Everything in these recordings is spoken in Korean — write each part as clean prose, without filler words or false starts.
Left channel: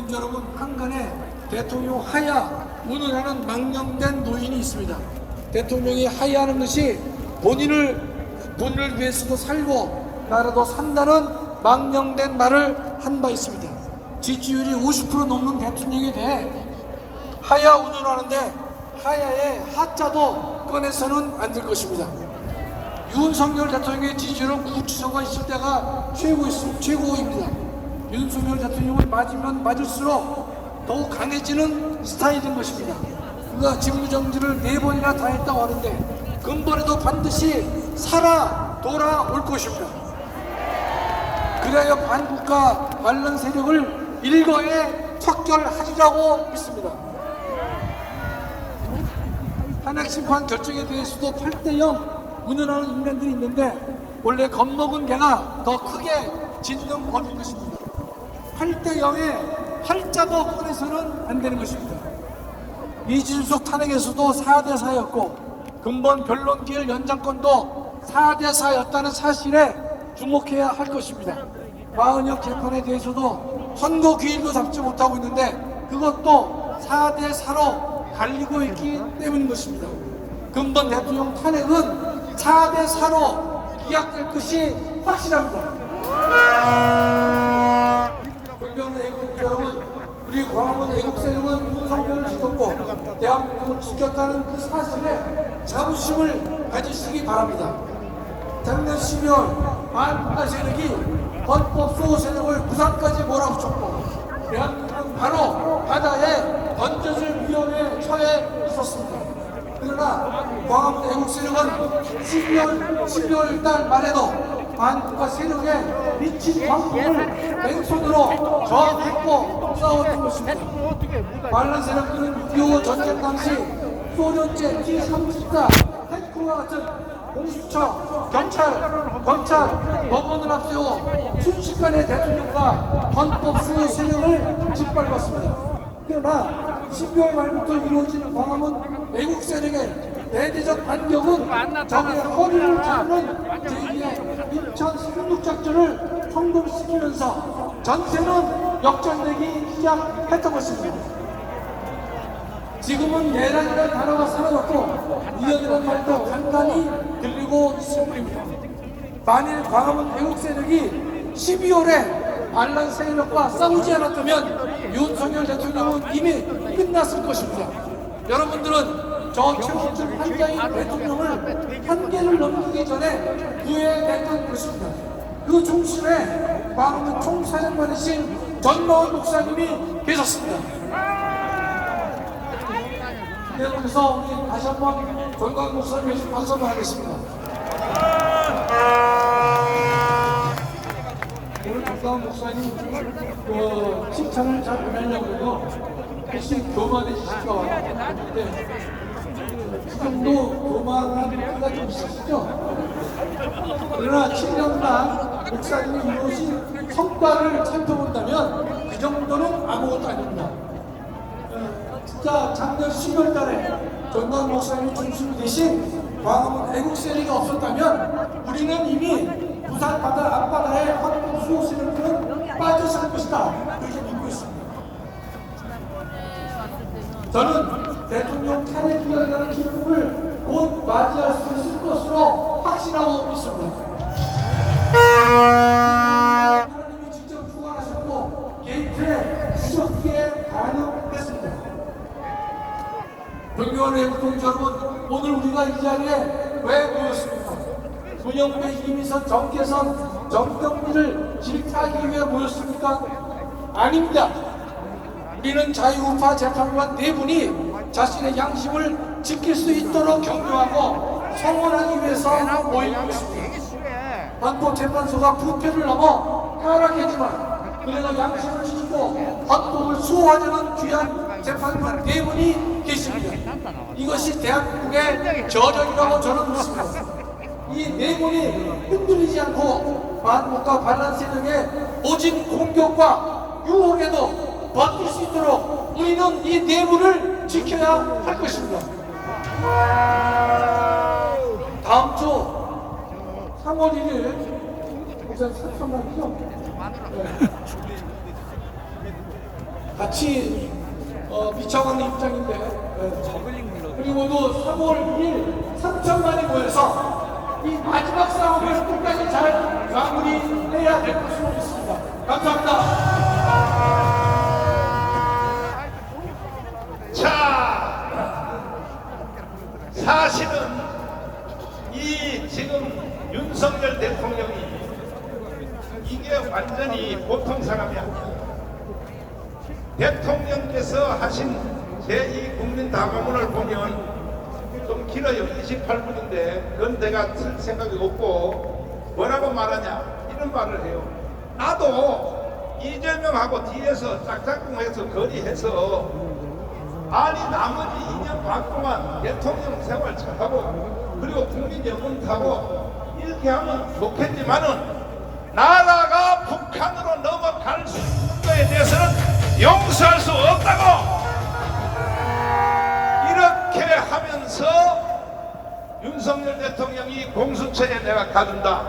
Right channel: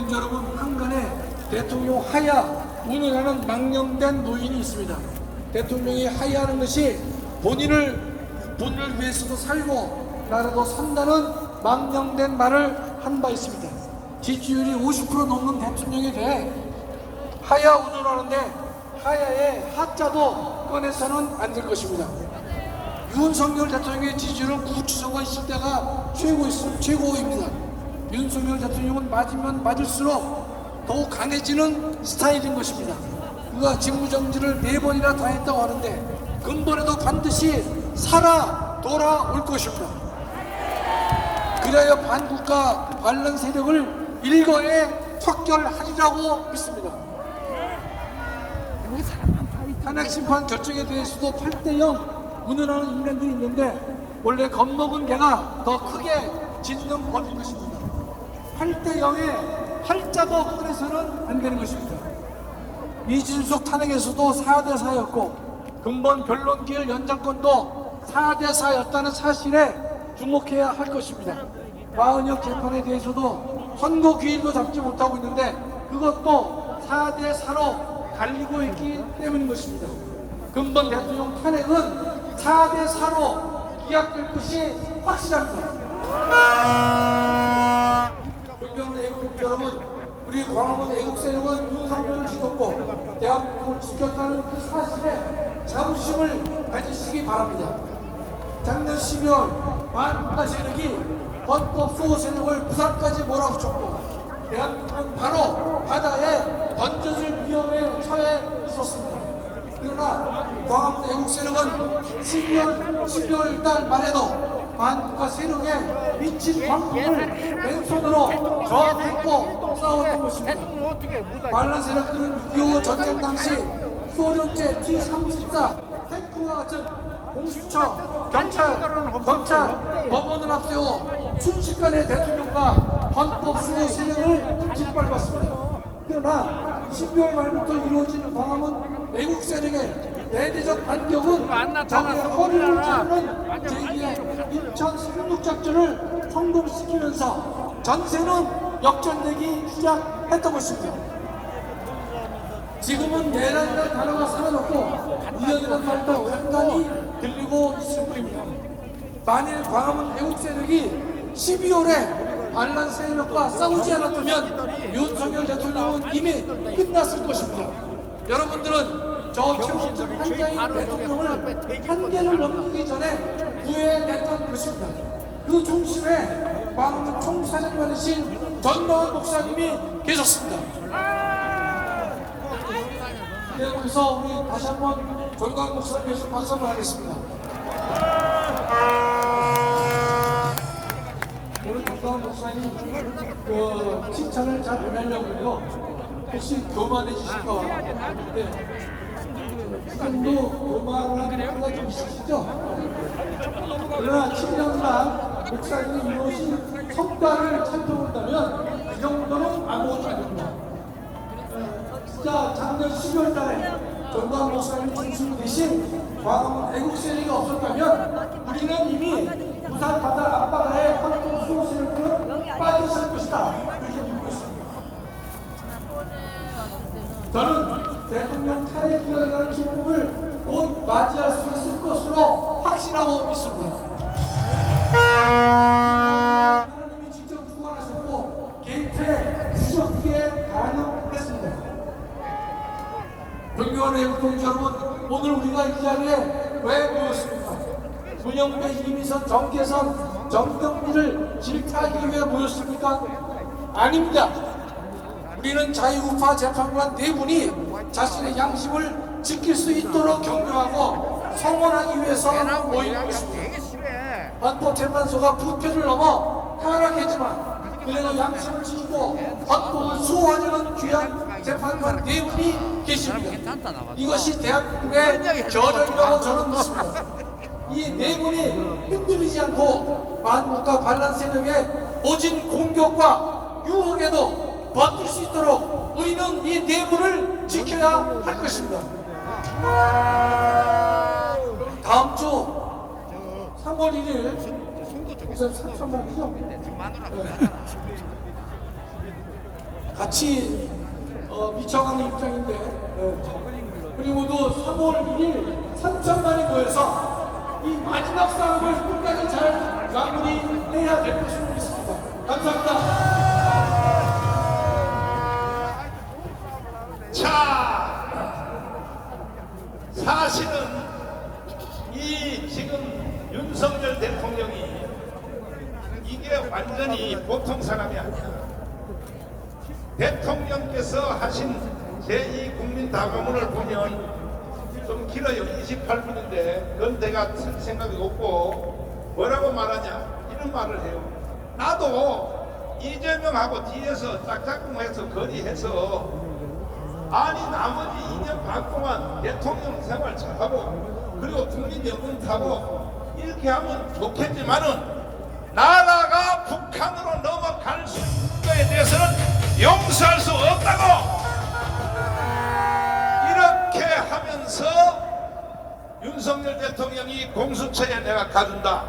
애국동지 여러분, 한간에 대통령 하야 운운하는 망령된 노인이 있습니다. 대통령이 하야하는 것이 본인을 위해서도 살고 나라도 산다는 망령된 말을 한 바 있습니다. 지지율이 50% 넘는 대통령에 대해 하야 운운하는데 하야의 하자도 꺼내서는 안 될 것입니다. 윤석열 대통령의 지지율은 구치소가 있을 때가 최고입니다. 윤석열 대통령은 맞으면 맞을수록 더욱 강해지는 스타일인 것입니다. 그가 직무정지를 4번이나 다 했다고 하는데 근본에도 반드시 돌아올 것입니다. 그래야 반국가 반란 세력을 일거에 척결하리라고 믿습니다. 탄핵심판 결정에 대해서도 8대0 운운하는 인간들이 있는데 원래 겁먹은 개가 더 크게 짖는 법인 것입니다. 8대0에 팔자도 꺼내서는 안 되는 것입니다. 이준석 탄핵에서도 4대4였고 근본 변론기일 연장권도 4대4였다는 사실에 주목해야 할 것입니다. 마은혁 재판에 대해서도 선고 기일도 잡지 못하고 있는데 그것도 4대4로 갈리고 있기 때문인 것입니다. 근본 대통령 탄핵은 4대4로 기각될 것이 확실합니다. 존경하는 애국자 여러분, 우리 광화문 애국세력은 윤석열을 지켰고 대한민국을 지켰다는 그 사실에 자부심을 가지시기 바랍니다. 작년 12월 반국가 세력이 헌법 수호 세력을 부산까지 몰아붙였고 대한민국은 바로 바다에 던져질 위험에 처해 있었습니다. 그러나 광화문 애국세력은 12월 달 말에도 반국가 세력에 미친 광풍을 맨손으로 저항했고 싸웠던 것입니다. 반란 세력들은 6.25 전쟁 당시 소련제 T-34 탱크와 같은 공수처, 경찰, 검찰, 법원을 앞세워 순식간에 대통령과 헌법 수호 세력을 짓밟았습니다. 그러나 12월 말부터 이루어진 광화문 애국 세력의 대대적 반격은 적의 허리를 자르는 제2의 인천 상륙작전을 성공시키면서 전세는 역전되기 시작했던 것입니다. 지금은 내란이라는 단어가 사라졌고 위헌이라는 말도 간간히 들리고 있을 뿐입니다. 만일 광화문 애국 세력이 12월에 반란 세력과 싸우지 않았다면 윤석열 대통령은 이미 끝났을 것입니다. 여러분들은 저 최원순 한자인 대통령을 한계를 넘기기 전에 구해냈던 것입니다. 그 중심에 광화문 총사령관이신 전노원 목사님이 계셨습니다. 그래서 우리 다시 한번 전광 목사님께 박수를 하겠습니다. 오늘 전광 목사님 칭찬을 잘 안 하려고 해요. 혹시 교만해지실까 하는데 지금도 교만한 것가 좀 있으시죠? 그러나 7년간 목사님이 이루어진 성과를 살펴본다면 그 정도는 아무것도 아닙니다. 진짜 작년 12월 달에 전광 목사님이 중심이 되신 광화문 애국 세력이 없었다면 우리는 이미 부산 바다 앞바다에 헌법 수호 세력으로 빠졌을 것이다. 그렇게 믿고 있습니다. 저는 대통령 탄핵 기각이라는 기쁨을 곧 맞이할 수 있을 것으로 확신하고 있습니다. 하나님이 직접 주관하셨고 게이트에 구속기에 반영했습니다. 존경하는 애국동지 여러분, 오늘 우리가 이 자리에 왜 모였습니까? 문영배, 이미선, 정계선, 정경미를 질타하기 위해 모였습니까? 아닙니다. 우리는 자유우파 재판관 4분이 자신의 양심을 지킬 수 있도록 격려하고 성원하기 위해서 모인 것입니다. 헌법재판소가 부패를 넘어 타락했지만 그래도 양심을 지키고 헌법을 수호하려는 귀한 재판관 4분이 계십니다. 이것이 대한민국의 저력이라고 저는 믿습니다. 이 4분이 흔들리지 않고 반국가 반란 세력의 모진 공격과 유혹에도 버틸 수 있도록 우리는 이 4분을 지켜야 할 것입니다. 다음 주 3월 1일 우선 3월이죠? 같이 비춰가는 입장인데 그리고도 3월 1일 3천만이 모여서 이 마지막 싸움을 끝까지 잘 마무리해야 될 것으로 믿습니다. 감사합니다. 자, 사실은 이 지금 윤석열 대통령이 이게 완전히 보통 사람이 아니야. 대통령께서 하신 제2국민다방문을 보면 좀 길어요. 28분인데 그건 내가 쓸 생각이 없고 뭐라고 말하냐 이런 말을 해요. 나도 이재명하고 뒤에서 짝짝꿍해서 거리해서 아니 나머지 2년 반 동안 대통령 생활 잘하고 그리고 국민연금 타고 이렇게 하면 좋겠지만은 나라가 북한으로 넘어갈 수 있는 것에 대해서는 용서할 수 없다고 이렇게 하면서 윤석열 대통령이 공수처에 내가 가준다.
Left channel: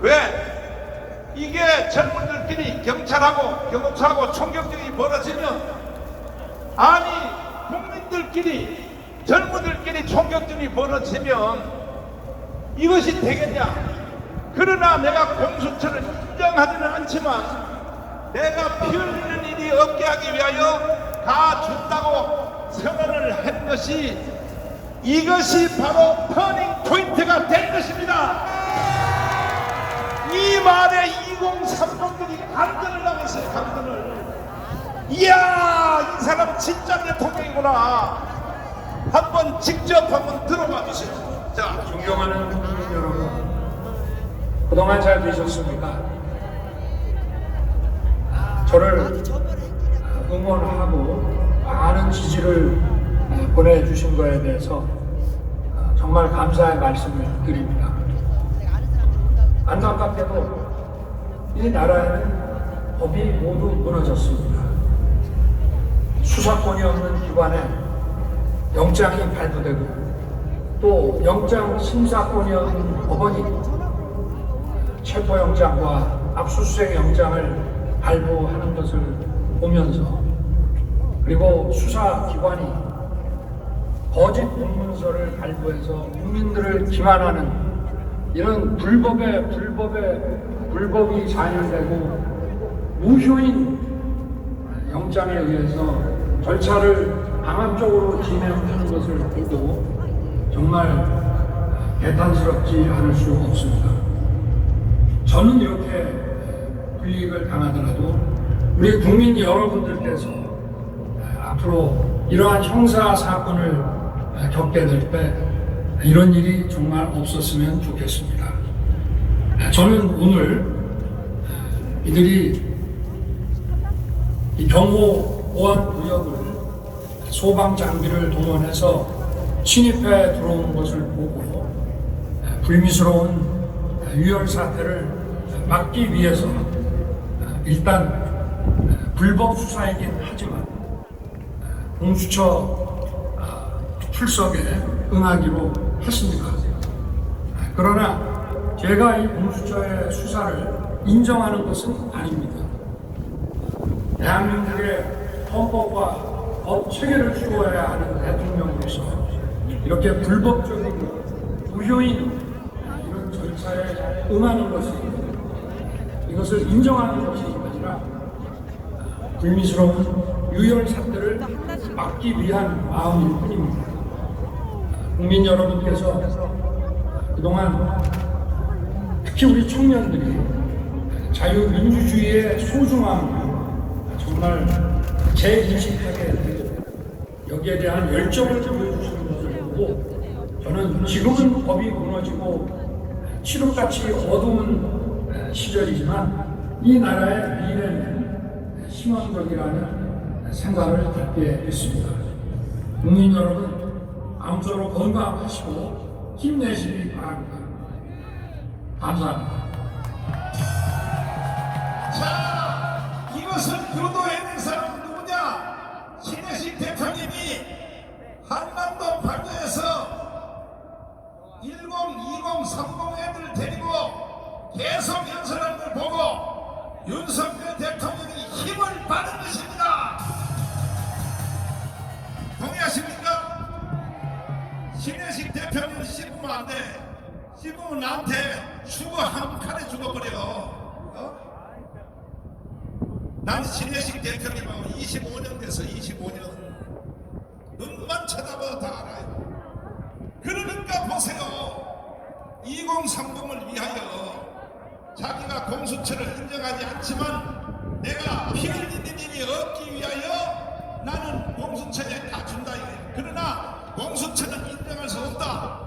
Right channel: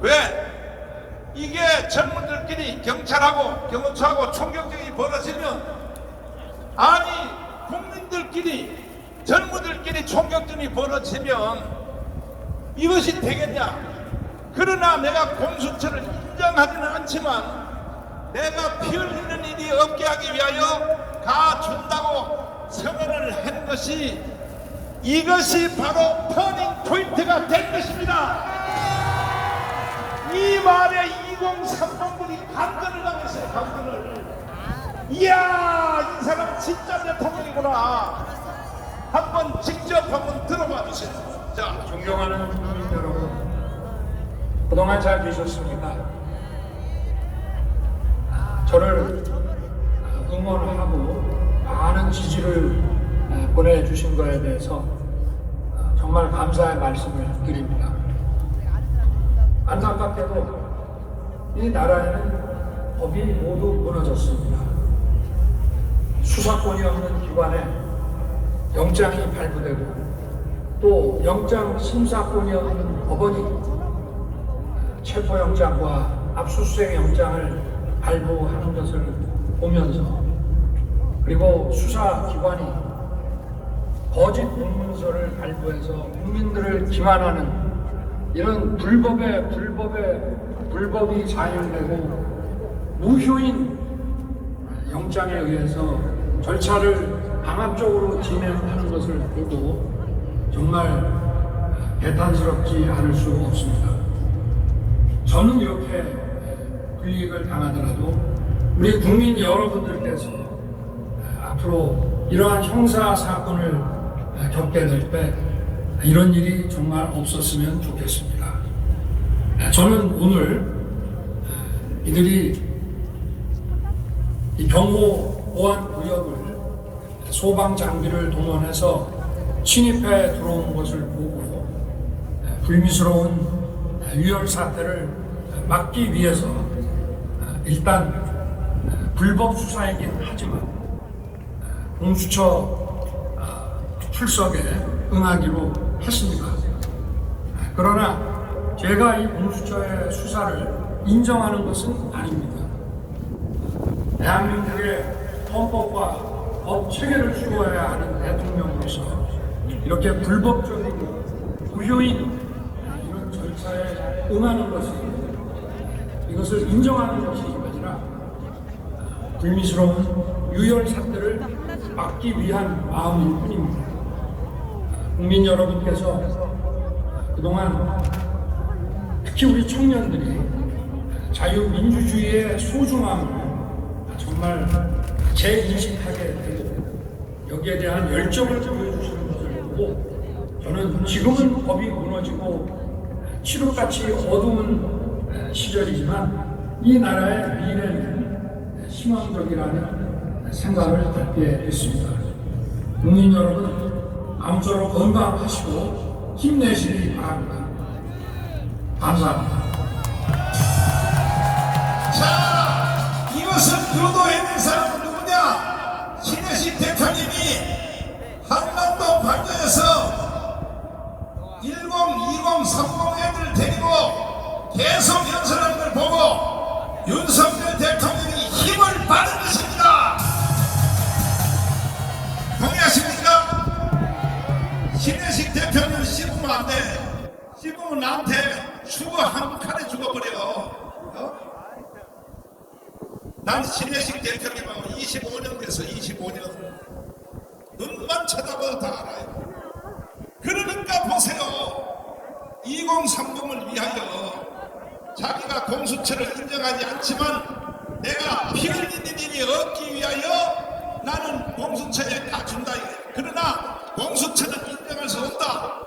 왜? 이게 젊은들끼리 경찰하고 경호처하고 총격전이 벌어지면 아니 국민들끼리 젊은들끼리 총격전이 벌어지면 이것이 되겠냐? 그러나 내가 공수처를 인정하지는 않지만 내가 피 흘리는 일이 없게 하기 위하여 가준다고 선언을 한 것이 이것이 바로 터닝 포인트가 된 것입니다. 이 말에 2030들이 감전을 당했어요. 감전을. 이야 이 사람 진짜 대통령이구나. 한번 직접 한번 들어봐 주세요. 자, 존경하는 국민 여러분, 그동안 잘 계셨습니까? 저를 응원하고 많은 지지를 보내주신 거에 대해서 정말 감사의 말씀을 드립니다. 안타깝게도 이 나라에는 법이 모두 무너졌습니다. 수사권이 없는 기관에 영장이 발부되고 또 영장 심사권이 없는 법원이 체포영장과 압수수색 영장을 발부하는 것을 보면서 그리고 수사기관이 거짓 공문서를 발부해서 국민들을 기만하는 이런 불법이 자행되고 무효인 영장에 의해서 절차를 강압적으로 진행하는 것을 보고 정말 개탄스럽지 않을 수 없습니다. 저는 이렇게 불이익을 당하더라도 우리 국민 여러분들께서 앞으로 이러한 형사 사건을 겪게 될 때 이런 일이 정말 없었으면 좋겠습니다. 저는 오늘 이들이 이 경호 보안 구역을 소방 장비를 동원해서 침입해 들어오는 것을 보고 불미스러운 유혈 사태를 막기 위해서 일단 불법 수사이긴 하지만 공수처 출석에 응하기로 했습니다. 그러나 제가 이 공수처의 수사를 인정하는 것은 아닙니다. 대한민국의 헌법과 법 체계를 추구해야 하는 대통령으로서 이렇게 불법적인 무효인 이런 절차에 응하는 것이 이것을 인정하는 것이 아니라 불미스러운 유혈 사태를 막기 위한 마음일 뿐입니다. 국민 여러분께서 그동안 특히 우리 청년들이 자유민주주의의 소중함을 정말 재인식하게 되고 여기에 대한 열정을 보여주시는 것을 보고 저는 지금은 법이 무너지고 칠흑같이 어두운 시절이지만 이 나라의 미래는 희망적이라는 생각을 갖게 됐습니다. 국민 여러분 아무쪼록 건강하시고 힘내시기 바랍니다. 감사합니다. 자, 이것을 주도해낸 사람은 누구냐? 신혜식 대표님이 한남동 반도에서 10, 20, 30 애들 데리고 계속 연설하는 걸 보고 윤석열 대통령이 힘을 받은 것입니다. 그러면 나한테 죽어 한 칸에 죽어버려. 난 신혜식 대표님하고 25년 돼서 25년 눈만 쳐다봐도 다 알아요. 그러니까 보세요. 2030을 위하여 자기가 공수처를 인정하지 않지만 내가 피 흘리는 일이 없기 위하여 나는 공수처에 다 준다. 그러나 공수처는 인정할 수 없다.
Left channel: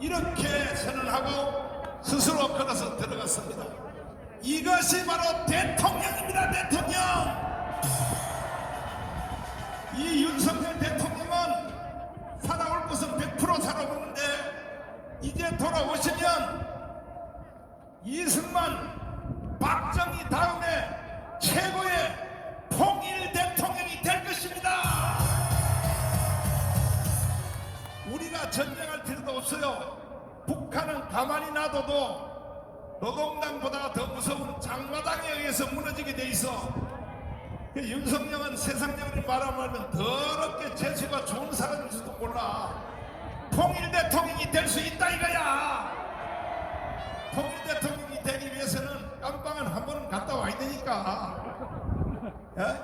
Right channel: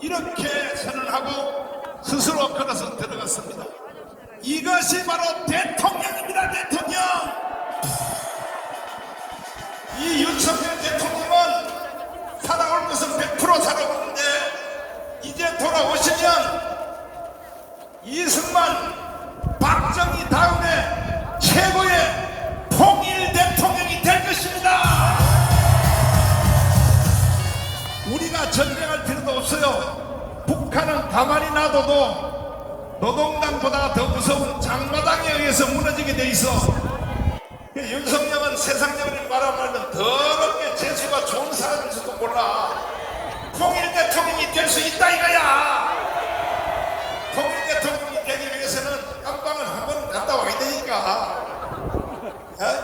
이렇게 선언하고 스스로 걸어서 들어갔습니다. 이것이 바로 대통령입니다. 대통령. 이 윤석열 대통령은 살아올 것은 100% 살아오는데 이제 돌아오시면 이승만, 박정희 다음에 최고의 통일 대통령이 될 것입니다. 우리가 전쟁할 필요도 없어요. 북한은 가만히 놔둬도 노동당보다 더 무서운 장마당에 의해서 무너지게 돼 있어. 윤석열은 세상적으로 바라보면 더럽게 재수가 좋은 사람일지도 몰라. 통일 대통령이 될 수 있다 이거야. 통일 대통령이 되기 위해서는 깜빵을 한 번 갔다 와야 되니까.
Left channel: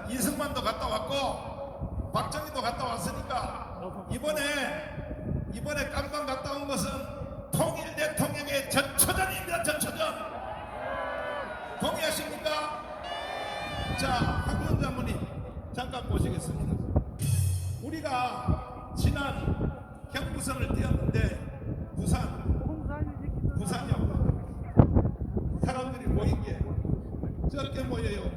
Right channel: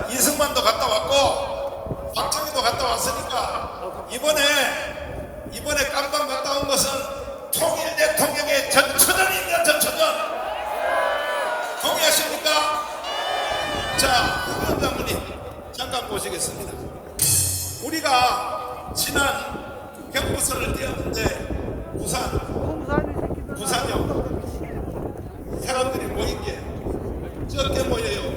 이승만도 갔다 왔고 박정희도 갔다 왔으니까 이번에 깜빵 갔다 온 것은 통일 대통령의 전초전입니다. 전초전. 동의하십니까? 자, 황교안 장군님 잠깐 보시겠습니다. 우리가 지난 경부선을 띄었는데 부산역 사람들이 모인 게 적게 모여요.